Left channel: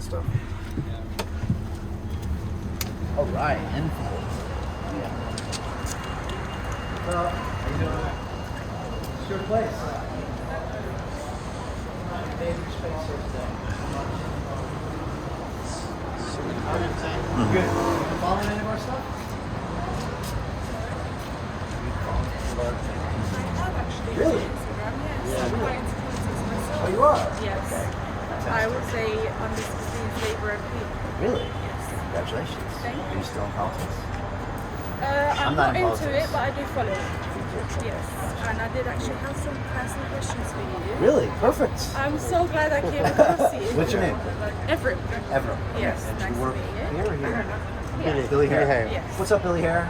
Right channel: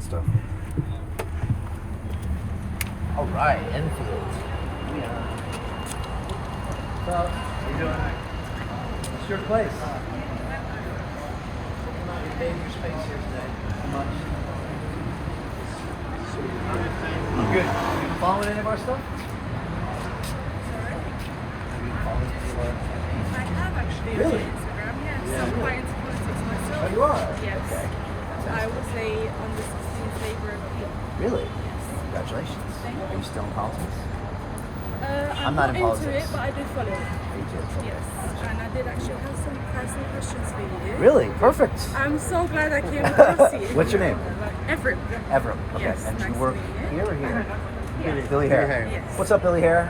and stuff. All right, Enfield. Yeah. What's up? How you doing? It's your place. You made your space here today. How much? Good. Have you been following any of our stuff? Sorry? Have you been following any of our? I have actually Really? on Instagram, yes. Yeah, I'm really? quite into politics myself. Oh, you are? Yes. Okay. I Fantastic. was a under 16 Labour MP. Really? Yes. Congratulations. Thank you. Are you still in politics? I'm not not in into politics. it, but I do follow it. Yes. And I did actually have some personal questions for you. Really? Perfect. I'm so glad I came across you. What's your name? Everett. Everett. Okay. Yes, And do you nice work to meet you. here or here? Yeah. Billy Hare. Yes. What's up, Billy Hare?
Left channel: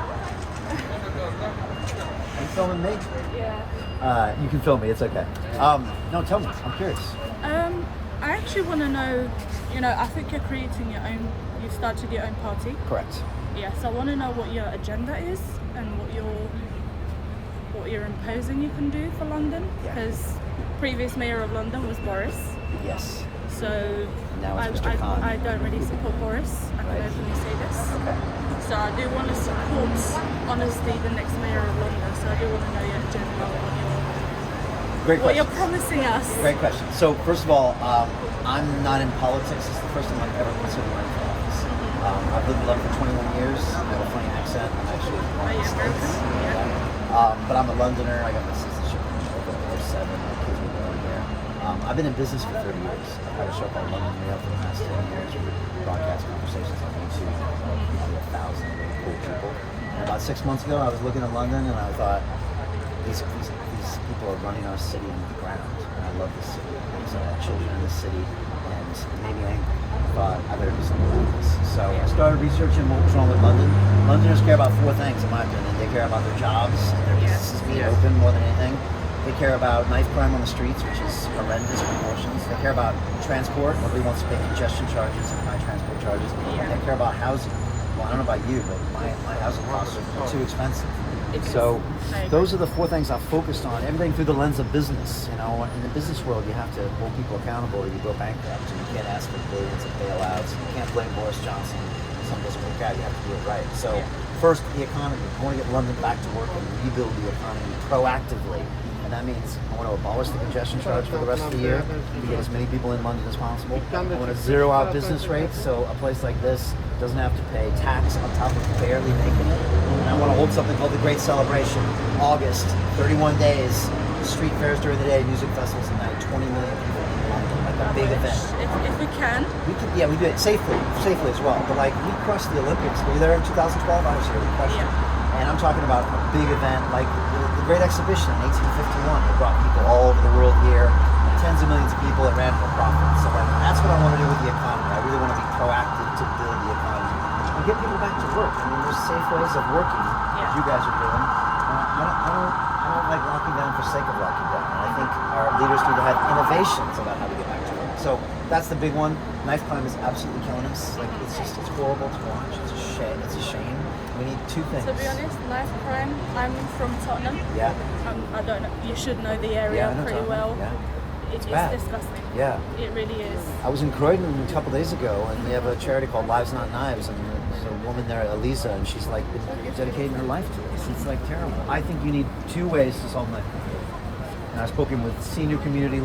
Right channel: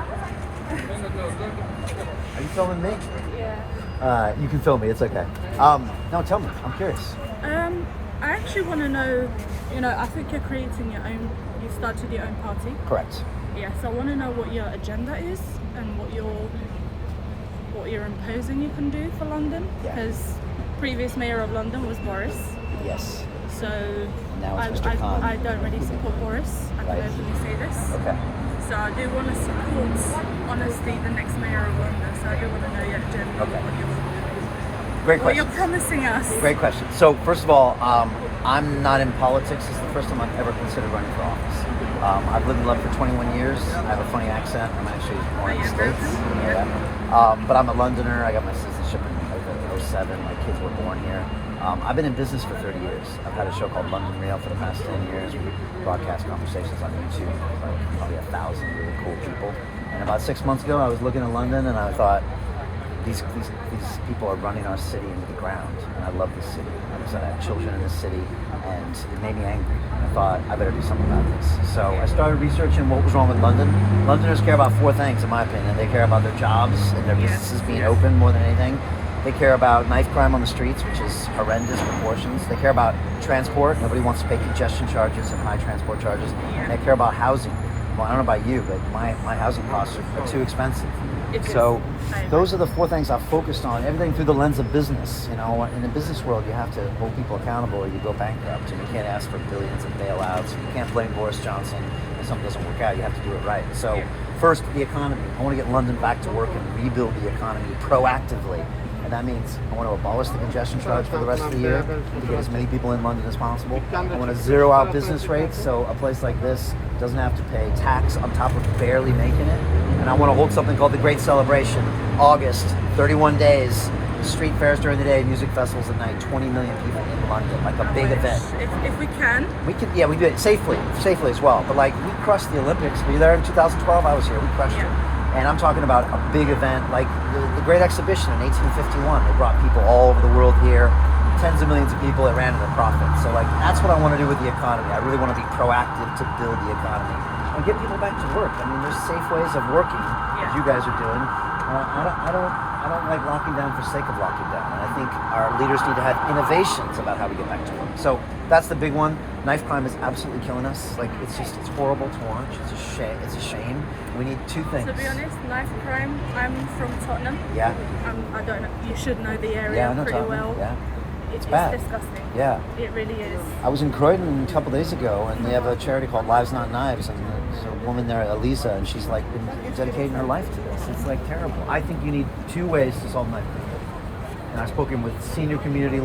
Are you filming me? Yeah. You can film me. It's okay. No, tell me. I'm curious. I actually want to know, I think you're creating your own, you started your own party. Correct. Yeah, so I want to know what your agenda is and what you're imposing you can do for London, Yeah. because previous mayor of London was Boris. Yes. So Now it's Mr. Khan. I don't really support Boris. I can Right. openly say this. Okay. So I do want to support, honestly, the next mayor of London. So I do want to know your agenda, Okay. what Great question. you're promising us. Great question. So first of all, I'm not in politics. It's the first time I've ever considered running for office. I've lived in London for 21 years. I have a funny accent. I'm actually born in the States. Yeah. But I'm a Londoner. I got my citizenship in 07. My kids were born here. I've been in business for 30 years. I've had a show called London Real for the past 10 years. We broadcast conversations on YouTube with like probably 1,000 really cool people. And about 6 months ago, I was looking at London and I thought, these people are running our city into the ground, and I love this city. And I said, I have children in this city, and it made me angry. I thought, I better do something about this. So I started researching what was wrong with London. Londoners care about 4 things, in my opinion. They care about their jobs and their businesses being open more than anything. They care about knife crime on the streets, which is horrendous proportions. They care about transport. Nobody wants to pay congestion charges and high transport charges. And they care about housing. Well, I don't know about you, but my housing costs are too expensive. So those are the 4 things I've focused on, everything through the lens of business. In the business world, you have to hold people accountable or you go bankrupt, and you can't ask for billions of bailouts. You can't blame Boris Johnson when something doesn't work out. You have to do it right. So first, the economy. I want to get London back to work and rebuild the economy proactively. And that means I want to abolish the congestion charge for the rest of the year to get as many people in London as possible. I want to zero out business rates, so a place like this doesn't have to pay tax on top of barely making it. And I want to hold something called the Great Celebration. August, 31 days, street fairs during the day, music festivals at night, 20 million people in London, like a big event. If we can. We could, we do it safely as well. But like, we crushed the Olympics. Were you there in 2012? I was here. We crushed it. And I'm talking about a big event like the Great Exhibition in 1851. They brought people all over the world here, tens of millions of people that ran at a profit. So like, that's what I want to do with the economy. I really want to be proactive to build the economy and get people back to work. I mean, there's safe ways of working, as you guys are doing. And I don't like locking down for sake of locking down. And I think our leaders need to have innovations about how we get back to work. So that's the big one. Knife crime is absolutely killing us. Like, it's horrible to watch. It's a shame. We need 2 things. To be honest, knife crime, I'm from Tottenham. Yeah. I don't know, you should know the area pretty Tottenham. well. Yeah. It's bad. disgusting. Yeah. It really is. I was in Croydon a couple days ago, and they have a charity called Lives Not Knives, and there's a woman there, Elisa, and she's like been dedicating her life to this. It's like terrible. I think you need 2 ways to solve knife crime. And I've spoken with senior community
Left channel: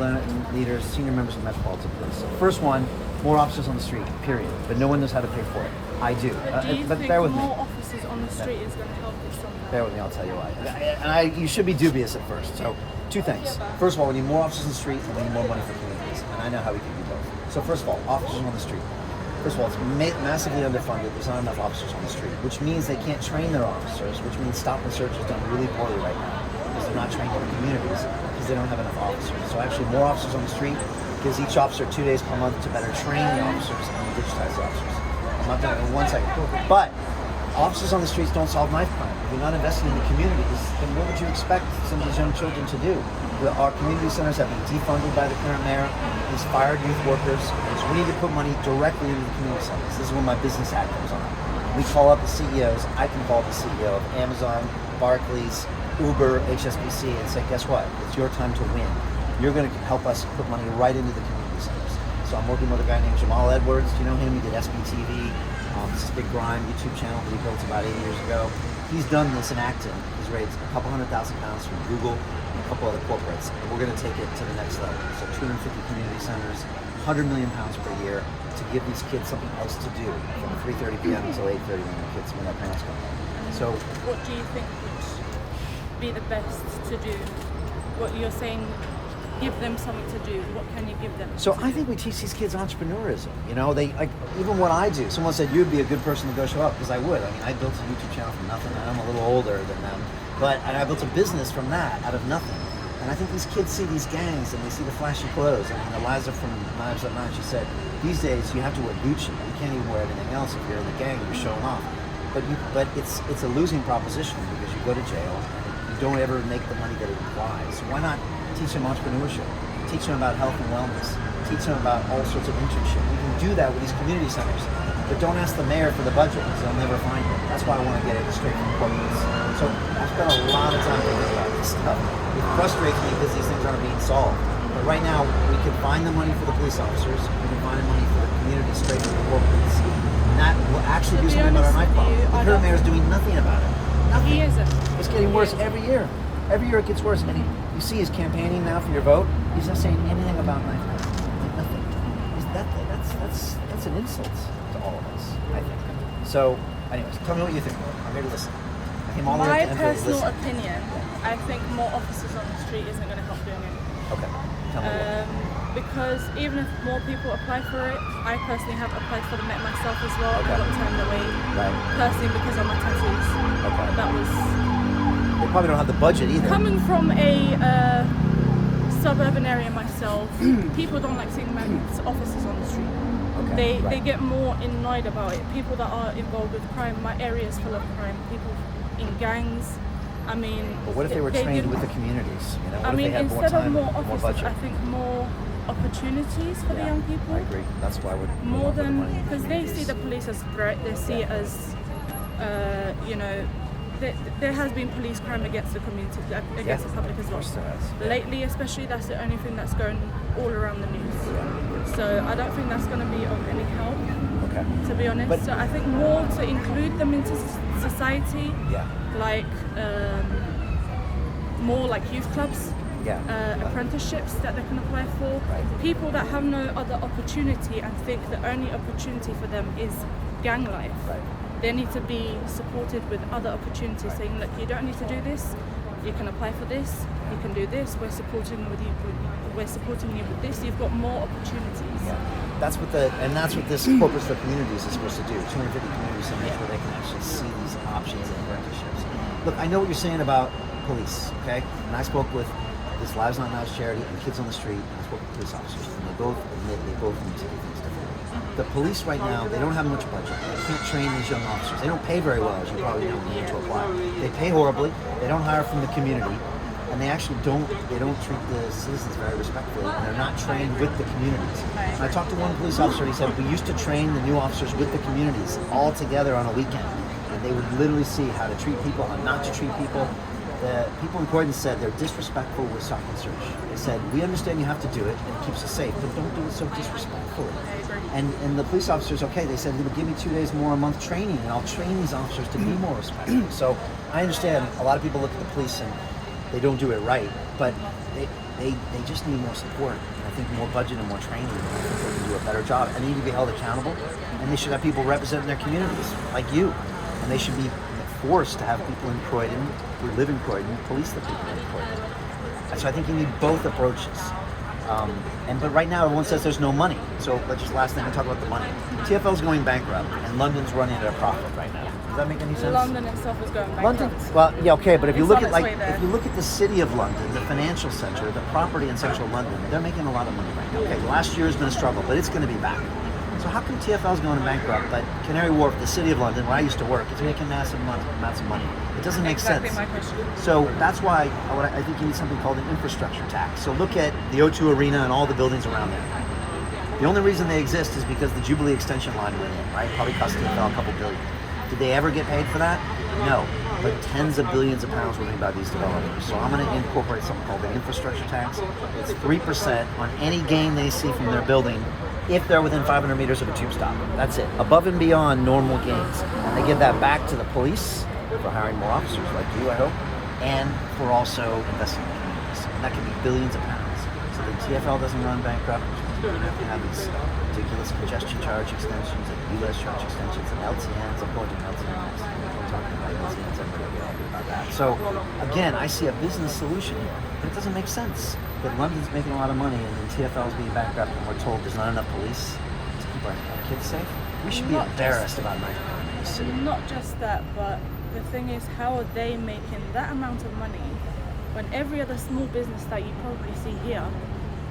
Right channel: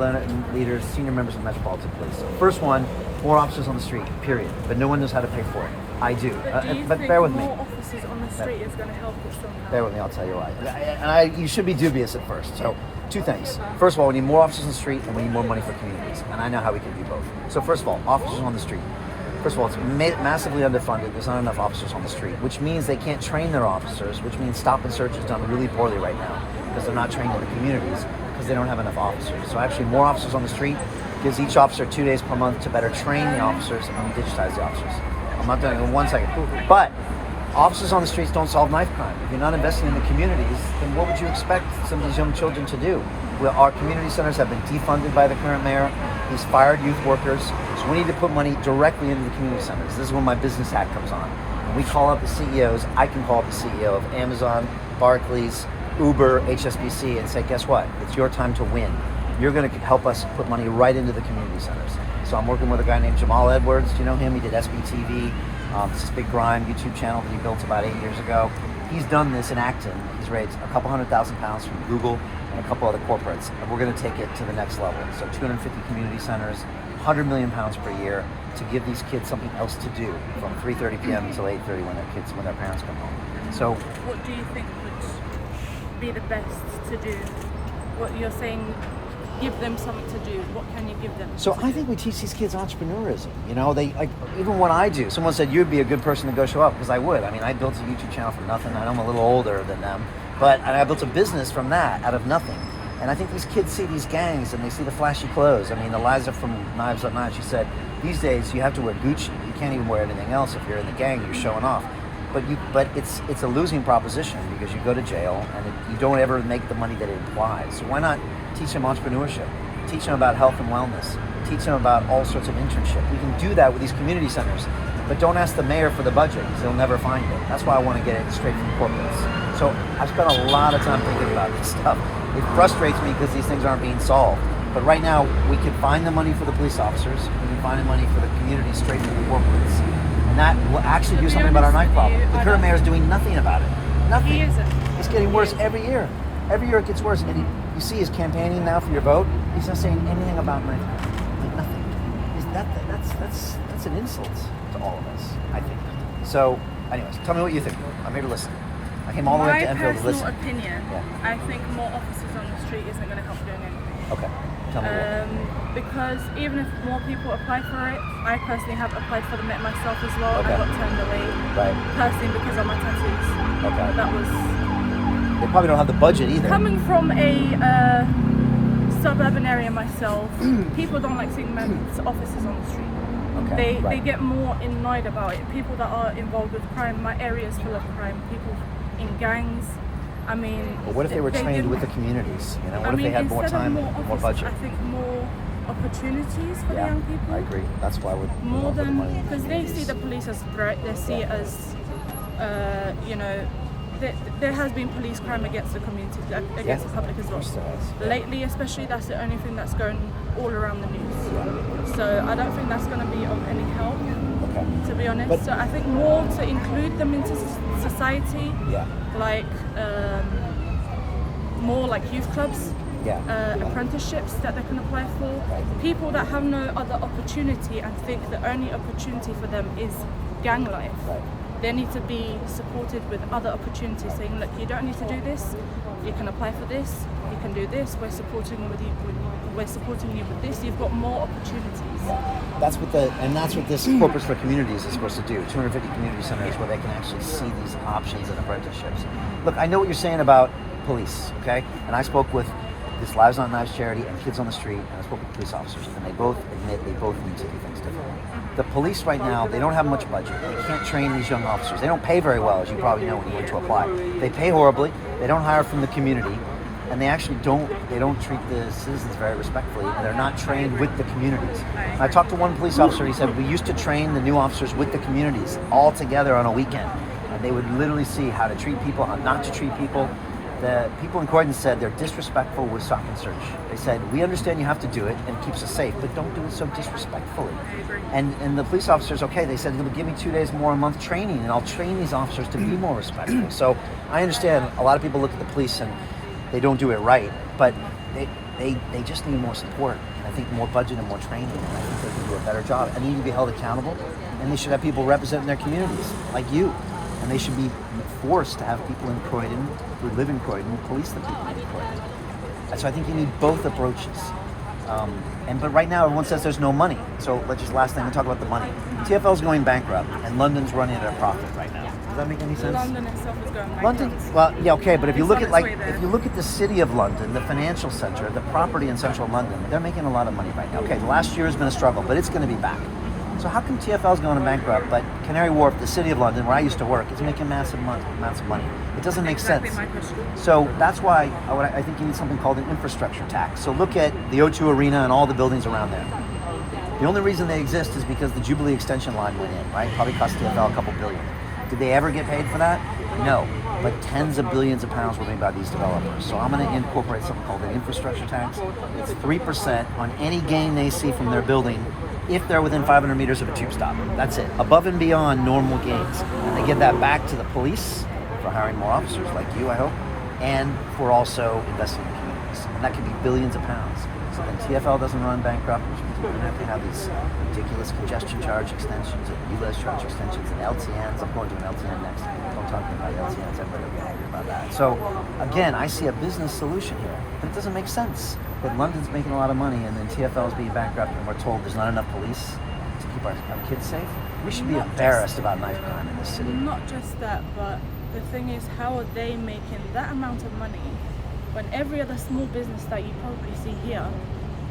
leaders, senior members of the Metropolitan Police. First one, more officers on the street, period. But no one knows how to pay for it. I do. Do you but think bear with more me. officers on the street is going to help us somehow? Bear with me, I'll tell you why. And you should be dubious at first. So, 2 things. First of all, we need more officers on the street, and we need more money for communities. And I know how we can do both. So first of all, officers on the street. First of all, it's massively underfunded. There's not enough officers on the street, which means they can't train their officers, which means stop and search is done really poorly right now because they're not trained in the communities because they don't have enough officers. So actually, more officers on the street gives each officer 2 days per month to better train the officers and digitize the officers. I'm not done in 1 second. But officers on the streets don't solve knife crime. If you're not investing in the communities, then what would you expect some of these young children to do? Well, our community centers have been defunded by the current mayor. He's fired youth workers. So we need to put money directly into the community centers. This is when my business hat comes on. We call up the CEOs. I can call up the CEO of Amazon, Barclays, Uber, HSBC, and say, guess what? It's your time to win. You're going to help us put money right into the community centers. So So I'm working with a guy named Jamal Edwards. Do you know him? He did SBTV. It's this big grime YouTube channel that he built about 8 years ago. He's done this in Acton. He's raised a couple £100,000 from Google and a couple other corporates, and we're going to take it to the next level. So 250 community centers, £100 million per year to give these kids something else to do from 3:30 p.m. until 8:30 when their parents come home. So, What do you think would be the best to do? What you're saying, give them something to do. What can you give them? So I think we teach these kids entrepreneurism. You know, they like even what I do. Someone said you'd be a good person to go show up because I would. I mean, I built a YouTube channel from nothing. I know I'm a little older than them, and I built a business from that out of nothing. And I think these kids see these gangs and they see the flashy clothes. I mean, Eliza from Knives Up Knives, she said these days you have to wear Gucci. You can't even wear anything else if you're in the gang. You're showing off. But it's a losing proposition because you go to jail and you don't ever make the money that it implies. So why not teach them entrepreneurship? Teach them about health and wellness. Teach them about all sorts of internship. We can do that with these community centers. But don't ask the mayor for the budget because they'll never find it. That's why I want to get it straight from corporates. So I've spent a lot of time thinking about this stuff. It frustrates me because these things aren't being solved. But right now, we can find the money for the police officers. We can find the money for the community straight from the corporates. And that will actually do something about our knife problem. The current mayor is doing nothing about it. Nothing. He isn't. It's getting worse every year. Every year it gets worse. And you see his campaigning now for your vote. He's not saying anything about knife crime. Like nothing. That's an insult to all of us, I think. So, anyways, tell me what you think. I'm here to listen. I came all the way to Enfield to listen. My personal opinion, Yeah. I think more officers on the street isn't going to help doing anything. Okay. Tell me Because even if more people apply for it, I personally have applied for the Met myself as well. Okay. I got turned away Right. personally because of my tattoos. Okay. That was They probably don't have the budget either. coming from a suburban area myself. People don't like seeing officers on the street. Okay. They get more annoyed about it. People that are involved with crime. My area is full of crime. People in gangs. I mean, But what if they were trained with the communities? You know, what I if mean, they had more instead of time and more officers, budget? I think more opportunities for the young people. I agree. That's why we're More putting than money. because they see the police as threat. They see it as, you know, there has been police crime against the community, against the public as well. Lately, especially, that's the only thing that's going all around the news. So I don't think that's going to be of any help, Okay. to be honest. But- So I think more to include them into society, Yeah. like more like youth clubs. Yeah. Apprenticeships that they can apply for. People that have no other opportunity and think the only opportunity for them is gang life. Right. They need to be supported with other opportunities, saying, look, you don't need to do this. You can apply for this. You can do this. We're supporting you with this. You've got more opportunities. That's what this Corpus for Communities is supposed to do. 250 community centers where they can actually see these options and apprenticeships. Look, I know what you're saying about police, okay? And I spoke with this Lives Not Knives charity and Kids on the Street, and I spoke with police officers, and they both admit they both need to do things differently. The police right now, they don't have much budget. They can't train these young officers. They don't pay very well, as you probably know when you went to apply. They pay horribly. They don't hire from the community, and they actually don't treat the citizens very respectfully, and they're not trained with the communities. And I talked to one police officer. He said we used to train the new officers with the communities all together on a weekend, and they would literally see how to treat people, how not to treat people. The people in Croydon said they're disrespectful with stop and search. They said, we understand you have to do it and it keeps us safe, but don't do it so disrespectfully. And the police officers, okay, they said, give me 2 days more a month training and I'll train these officers to be more respectful. So I understand a lot of people look at the police and they don't do it right, but they just need more support. And I think more budget and more training, and I think they can do a better job. And they need to be held accountable, and they should have people representing their communities, like you. And they should be forced to have people in Croydon who live in Croydon police the people in Croydon. And so I think you need both approaches. But right now everyone says there's no money. So let's just last thing I talk about the money. TfL's going bankrupt and London's running at a profit right now. Does that make any sense? London itself is going bankrupt. London, well, yeah, okay, but if you It's look on at its like way there. if you look at the city of London, the financial center, the property in central London, they're making a lot of money right now. Okay, the last year has been a struggle, but it's going to be back. So how come TfL's going bankrupt, but Canary Wharf, the city of London, where I used to work, is making massive amounts of money? It doesn't make Exactly sense. my question. So that's why I think you need something called an infrastructure tax. So look at the O2 Arena and all the buildings around there. The only reason they exist is because the Jubilee extension line went in, right? Probably cost TfL a couple billion. Did they ever get paid for that? No. But tens of billions of pounds were made by these developers. So I'm going to incorporate something called an infrastructure tax. It's 3% on any gain they see from their building if they're within 500 meters of a tube stop. That's it. Above and beyond normal gains. And they give that back to the police for hiring more officers like you, I hope, and for also investing in communities. And that could be billions of pounds. So then TfL doesn't run bankrupt, which means we don't have to have these ridiculous congestion charge extensions and ULEZ charge extensions and LTNs. I'm going to an LTN next. I'm talking about LTNs. Everybody will get angry about that. So again, I see a business solution here, but it doesn't make sense. But London's making a lot of money, and then TfL is being bankrupt, and we're told there's not enough police to keep our kids safe. We should be embarrassed about knife crime in this city. Not just that, but the thing is, how are they making that amount of money when every other small business that you probably see here,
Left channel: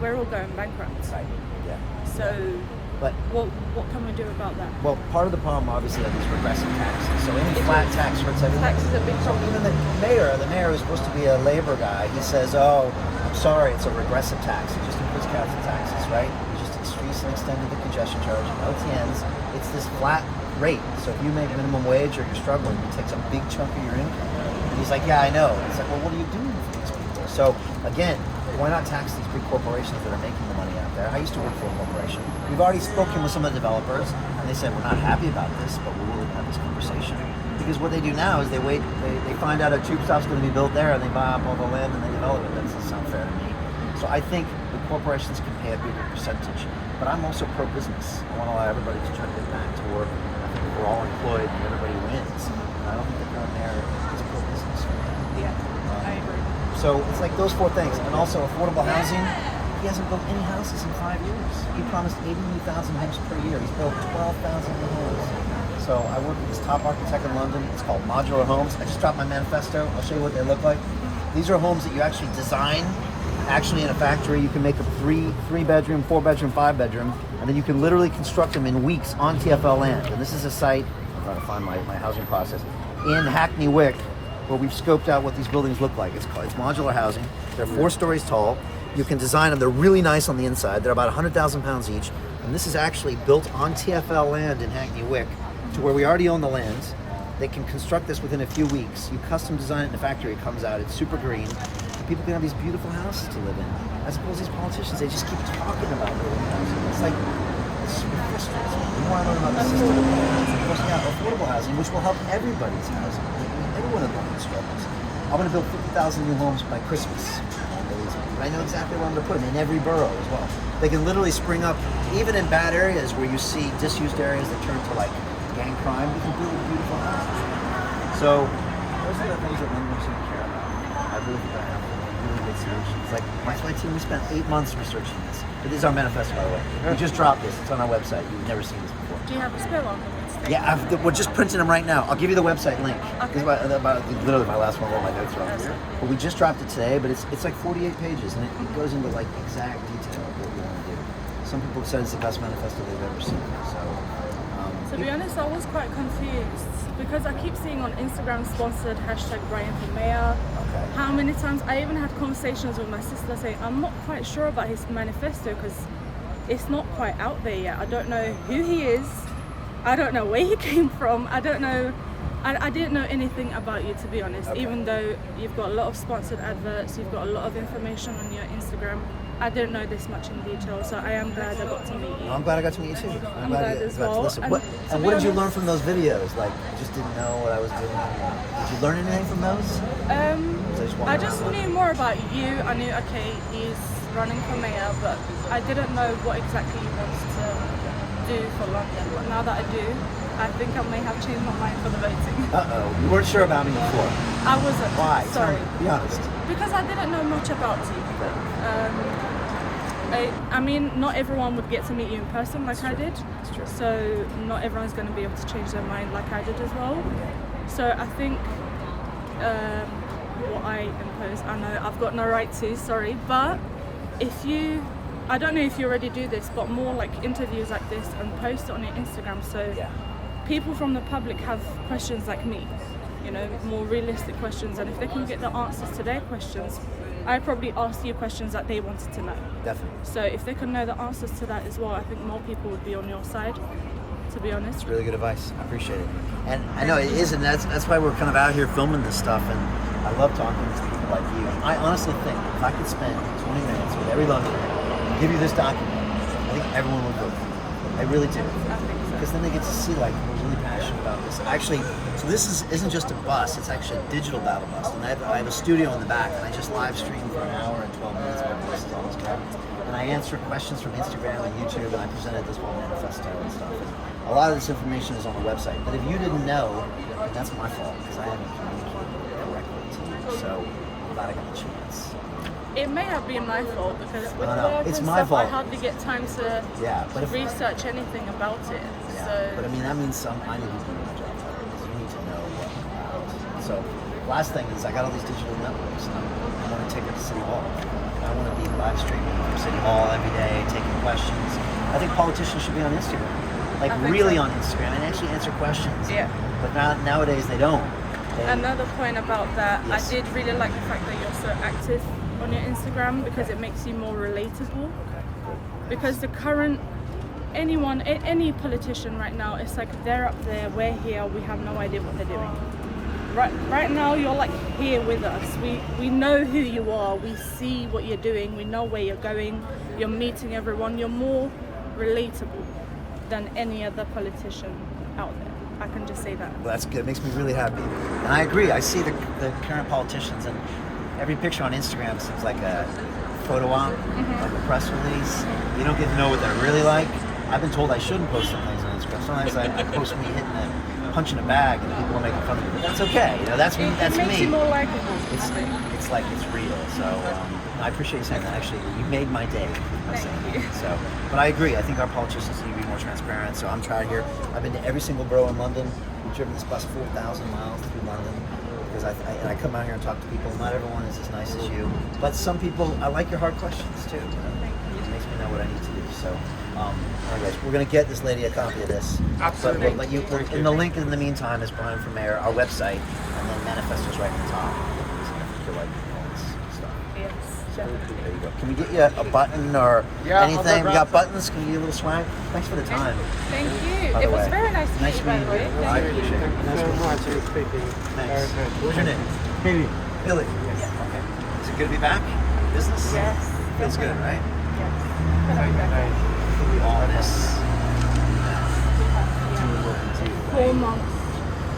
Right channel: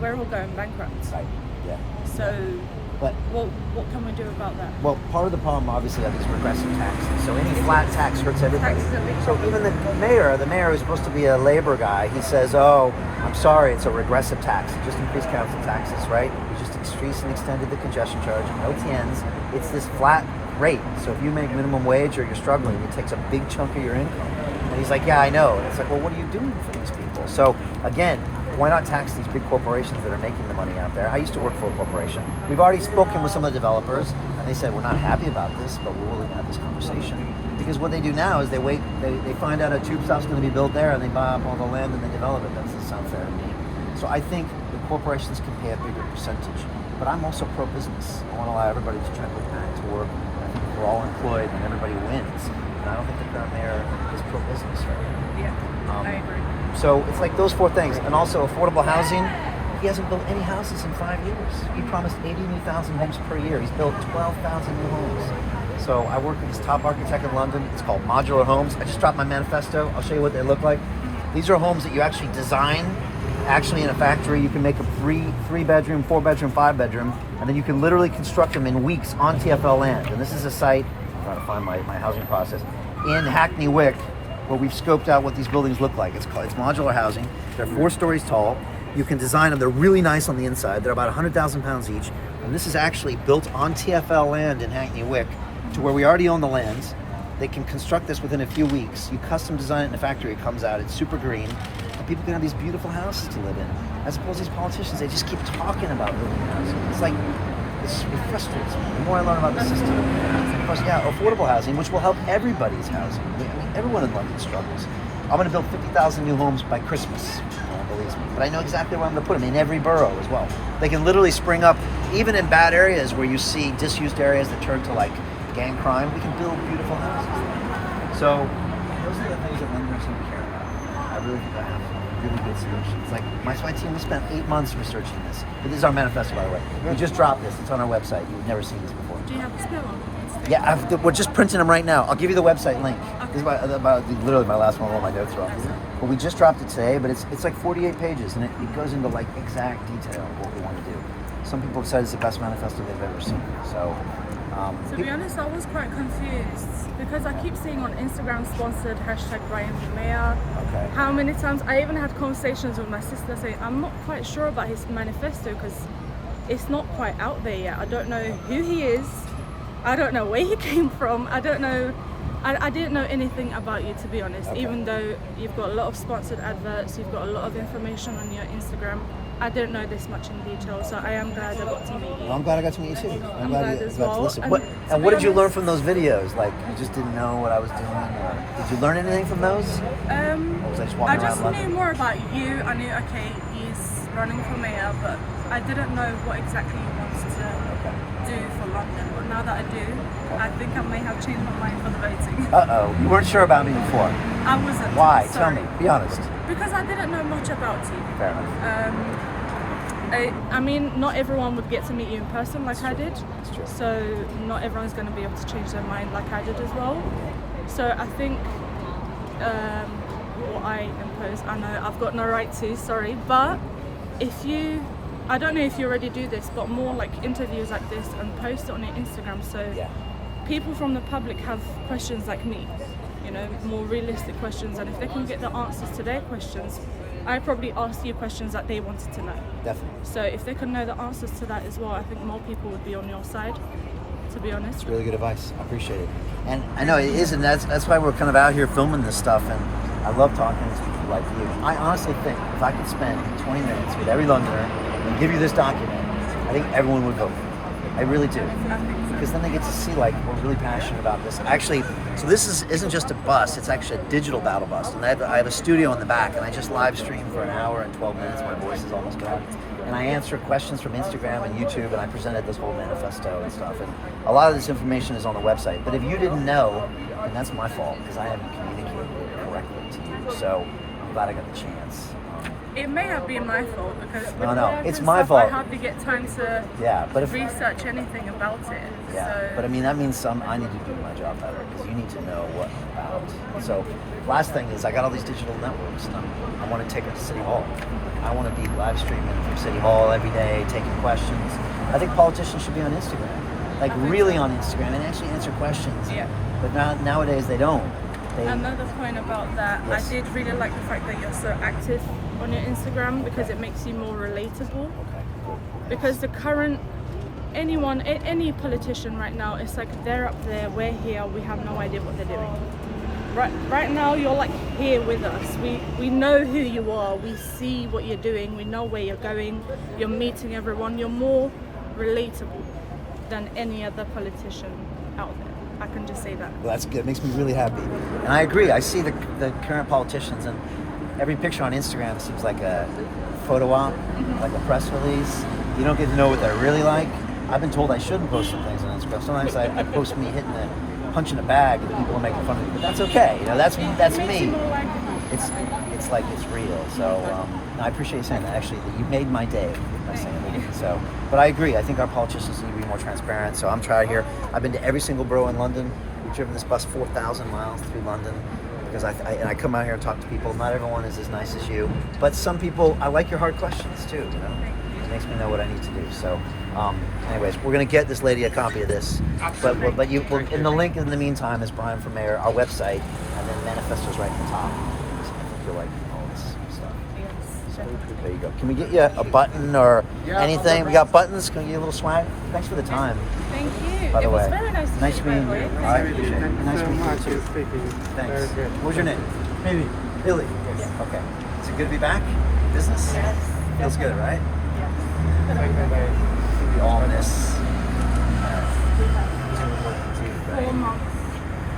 we're all going bankrupt? Right. Yeah. So, but what can we do about that? Well, part of the problem obviously are these regressive taxes. So any flat tax hurts everybody. So even the mayor who's supposed to be a labor guy, he says, "Oh, I'm sorry, it's a regressive tax. You just increased council taxes, right? You just increased and extended the congestion charge, no TNs. It's this flat rate. So if you make minimum wage or you're struggling, it takes a big chunk of your income." And he's like, "Yeah, I know." And it's like, well, what are you doing for these people? So again, why not tax these big corporations that are making the money out there? I used to work for a corporation. We've already spoken with some of the developers, and they said, we're not happy about this, but we're willing to have this conversation. Because what they do now is they find out a tube stop's going to be built there, and they buy up all the land and they develop it. That doesn't sound fair to me. So I think the corporations can pay a bigger percentage. But I'm also pro-business. I want to allow everybody to try to get back to work. I think if we're all employed and everybody wins, and I don't think the current mayor is pro-business right now. Yeah, I agree. So it's like those four things. And also affordable housing. He hasn't built any houses in 5 years. He promised 80,000 homes per year. He's built 12,000 new homes. So I work with this top architect in London. It's called Modular Homes. I just dropped my manifesto. I'll show you what they look like. These are homes that you actually design actually in a factory. You can make a three bedroom, 4 bedroom, 5 bedroom, and then you can literally construct them in weeks on TfL land. And this is a site, I'm trying to find my housing process, in Hackney Wick, where we've scoped out what these buildings look like. It's modular housing. They're 4 stories tall. You can design them. They're really nice on the inside. They're about 100,000 pounds each. And this is actually built on TfL land in Hackney Wick, to where we already own the land. They can construct this within a few weeks. You custom design it in a factory. It comes out. It's super green. And people can have these beautiful houses to live in. As opposed to these politicians, they just keep talking about building housing. It's like, it frustrates me. The more I learn about the system, of course, yeah, affordable housing, which will help everybody's housing. Everyone in London struggles. I'm going to build 50,000 new homes by Christmas. No one believes me. But I know exactly where I'm going to put them, in every borough as well. They can literally spring up, even in bad areas where you see disused areas that turn to like gang crime, we can build beautiful houses. So those are the things that Londoners don't care about. I really think that have really good solutions. Like my team, we spent 8 months researching this. But this is our manifesto, by the way. We just dropped this. It's on our website. You've never seen this before. Do you have a spare one? Yeah, we're just printing them right now. I'll give you the website link. Okay. This is literally my last one. All my notes are on here. But we just dropped it today. But it's like 48 pages, and it goes into like exact detail of what we want to do. Some people have said it's the best manifesto they've ever seen. So, to be honest, I was quite confused because I keep seeing on Instagram sponsored #Brian for Mayor. Okay. How many times I even had conversations with my sister saying I'm not quite sure about his manifesto because it's not quite out there yet. I don't know who he is. I don't know where he came from. I don't know. I didn't know anything about you, to be honest. Okay. Even though you've got a lot of sponsored adverts, you've got a lot of information on your Instagram. I didn't know this much in detail, so I am glad I got to meet you. Well, I'm glad I got to meet you too. I'm glad as well. And what did you learn from those videos? Like, you just didn't know what I was doing? Or did you learn anything from those? I just knew more about you. I knew, okay, he's running for mayor, but I didn't know what exactly he wants to do for London. But now that I do, I think I may have changed my mind for the voting. Uh-oh. You weren't sure about me before. I wasn't. Why? Sorry. Tell me. Be honest. Because I didn't know much about you. I mean, not everyone would get to meet you in person like I did. That's true. So not everyone's going to be able to change their mind like I did as well. So I think what I impose, I know I've got no right to, sorry, but I don't know if you already do this, but more like interviews like this and post it on your Instagram so people from the public have questions like me, you know, more realistic questions, and if they can get the answers to their questions, I probably asked you questions that they wanted to know. Definitely. So if they can know the answers to that as well, I think more people would be on your side, to be honest. It's really good advice. I appreciate it. And I know it is, and that's why we're kind of out here filming this stuff, and I love talking to people like you. I honestly think if I could spend 20 minutes with every Londoner and give you this document, think everyone would vote for me. I really do. Because then they get to see, like, we're really passionate about this. Actually, so this isn't just a bus, it's actually a digital battle bus. And I have a studio in the back, and I just live stream for an hour and 12 minutes. My voice is almost gone. And I answer questions from Instagram and YouTube, and I presented this whole manifesto and stuff. And a lot of this information is on the website. But if you didn't know, then that's my fault, because I haven't communicated it correctly to you. So I'm glad I got the chance. It may have been my fault because with No, work it's and my stuff, fault. I hardly get time to But if research anything about it. Yeah, So but I mean, that means I need to do my job better because you need to know what about. So, last thing is I got all these digital networks and I want to take it to City Hall. I want to be live streaming from City Hall every day, taking questions. I think politicians should be on Instagram, like really on Instagram, and actually answer questions. Yeah. But nowadays they don't. Another point about that, Yes. I did really like the fact that you're so active on your Instagram because it makes you more relatable. Because the current any politician right now, it's like they're up there, we're here, we have no idea what they're doing. Right now you're like here with us. We know who you are, we see what you're doing, we know where you're going, you're meeting everyone, you're more relatable than any other politician out there. I can just say that. Well, that's good. It makes me really happy. And I agree. I see the current politicians, and every picture on Instagram seems like a photo op, like a press release. You don't get to know what they're really like. I've been told I shouldn't post some things on Instagram. Sometimes I post me hitting a punch in a bag, and people are making fun of me. But that's okay. You know, that's me. It's like it's real. So I appreciate you saying that. Actually, you made my day by saying that. So, but I agree. I think our politicians need to be more transparent. So I'm trying here. I've been to every single borough in London. We've driven this bus 4,000 miles through London because I come out here and talk to people. Not everyone is as nice as you, but some people. I like your hard questions too. You know, it makes me know what I need to do. So, anyways, we're gonna get this lady a copy of this. But you in the link in the meantime is Brian for Mayor, our website, and then manifestos right at the top. I think you'll like all this stuff. So there you go. Can we get you a button or anything? We got buttons. Can we get you a little swag? Thanks for the time. Thank you. By the It was way, very nice to nice meet you, meeting by the you. way. I appreciate it. Thank you Nice so meeting much you. for speaking. Thanks. What was your name? Billy. Billy. Okay. Is it good to be back? Business? Yes. Feels good, right? Thank We all miss doing what we do, 4 right? months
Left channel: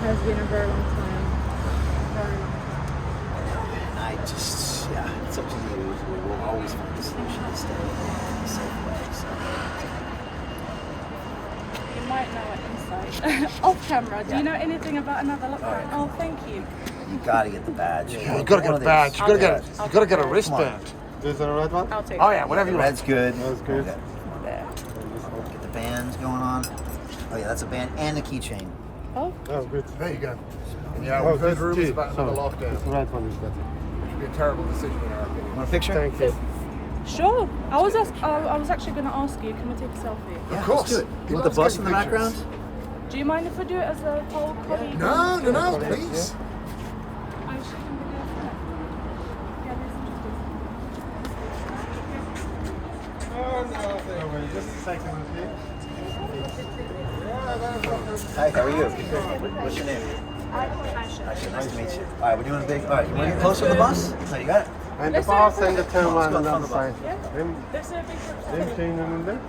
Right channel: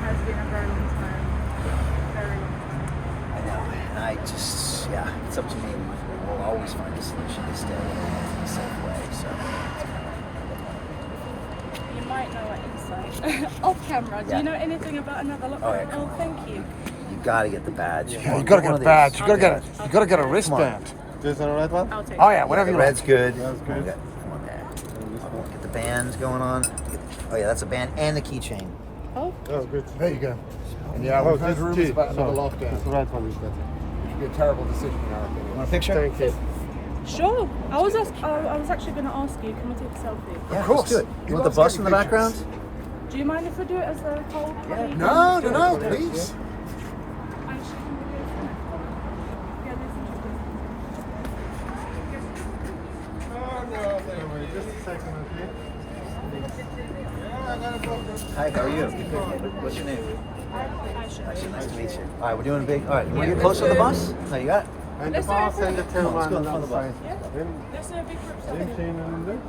has been a very long time. Very long. I know. And I just, it's up to me. We will always find a solution to stay in a safe way. So, You might know it inside. Off camera. Do you know anything about another lockdown? Oh, thank you. you gotta get the badge. You gotta get a badge. You gotta get a wristband. Is that the right one? I'll take Oh it. yeah, whatever The you want. red's good. That's good. Okay. Get the bands going on. Oh yeah, that's a band and a keychain. Oh, That's good. There you go. Yeah, Oh, we've heard this rumors G. about So, another lockdown. this right one is better. It'd be a terrible decision in our opinion. Want a picture? Thank you. sure. I was actually going to ask you, can we take a selfie? Yeah, Of let's course. do it. You want the bus in the background? Do you mind if we do it as a whole party? No, please. Actually, can we do it tonight? Yeah, that's interesting. Hi, how are you? What's your name? Aisha, nice to meet you. All right, we're doing a big. All right, you want to get closer to the bus? No, you got it. And the Let's do it boss for and the the- Come on, let's go in chairman front of the bus. outside. Them Let's do a big group them selfie. chain in there.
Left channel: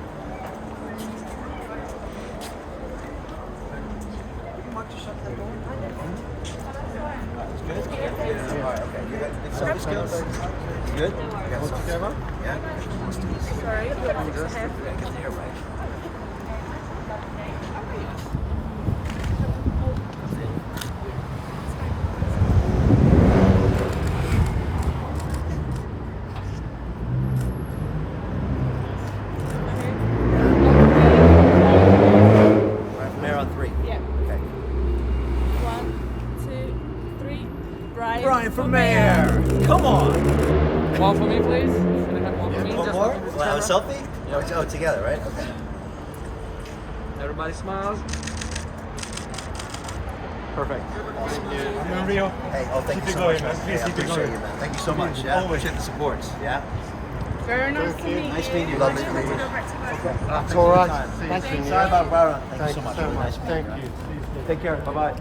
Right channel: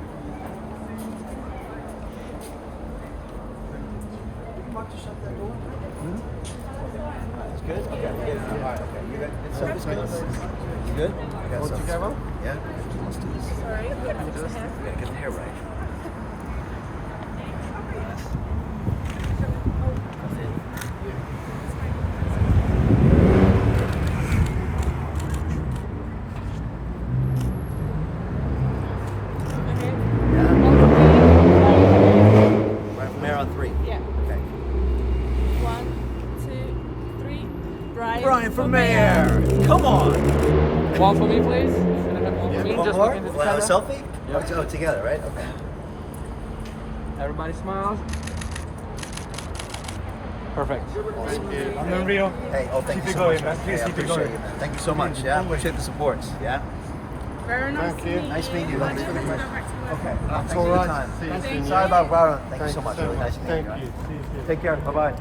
You can mark to shut that door. Okay. All right, it's good. Okay, we're getting it. All right, okay. You got good selfie skills. You good? I got All selfie together? skills. Yeah. Let's do this. Sorry, you want to fix the hair? We gotta get the hair right. Coming in. Okay. Yeah. On Right from there on 3. three. Yeah. Okay. 1, 2, 3. Brian for mayor. Come on. One for me, please. Can I have one for me? One Just more? in this Well, a camera. selfie? Oh, together, right? Okay. Everybody smiles. Perfect. Awesome. Thank you. Hey, thank you so much, man. Hey, I appreciate you, man. Thank you so much. Yeah, appreciate the support. Yeah. Very nice Thank to you. meet you. Nice meeting you. Lovely to meet you. Go back to the- Okay. Thanks all for the right. time. See you soon. Sorry about Byron. Thank you Thank so you much. so Really much. nice meeting Thank you. you. See you soon. Take care. Bye bye.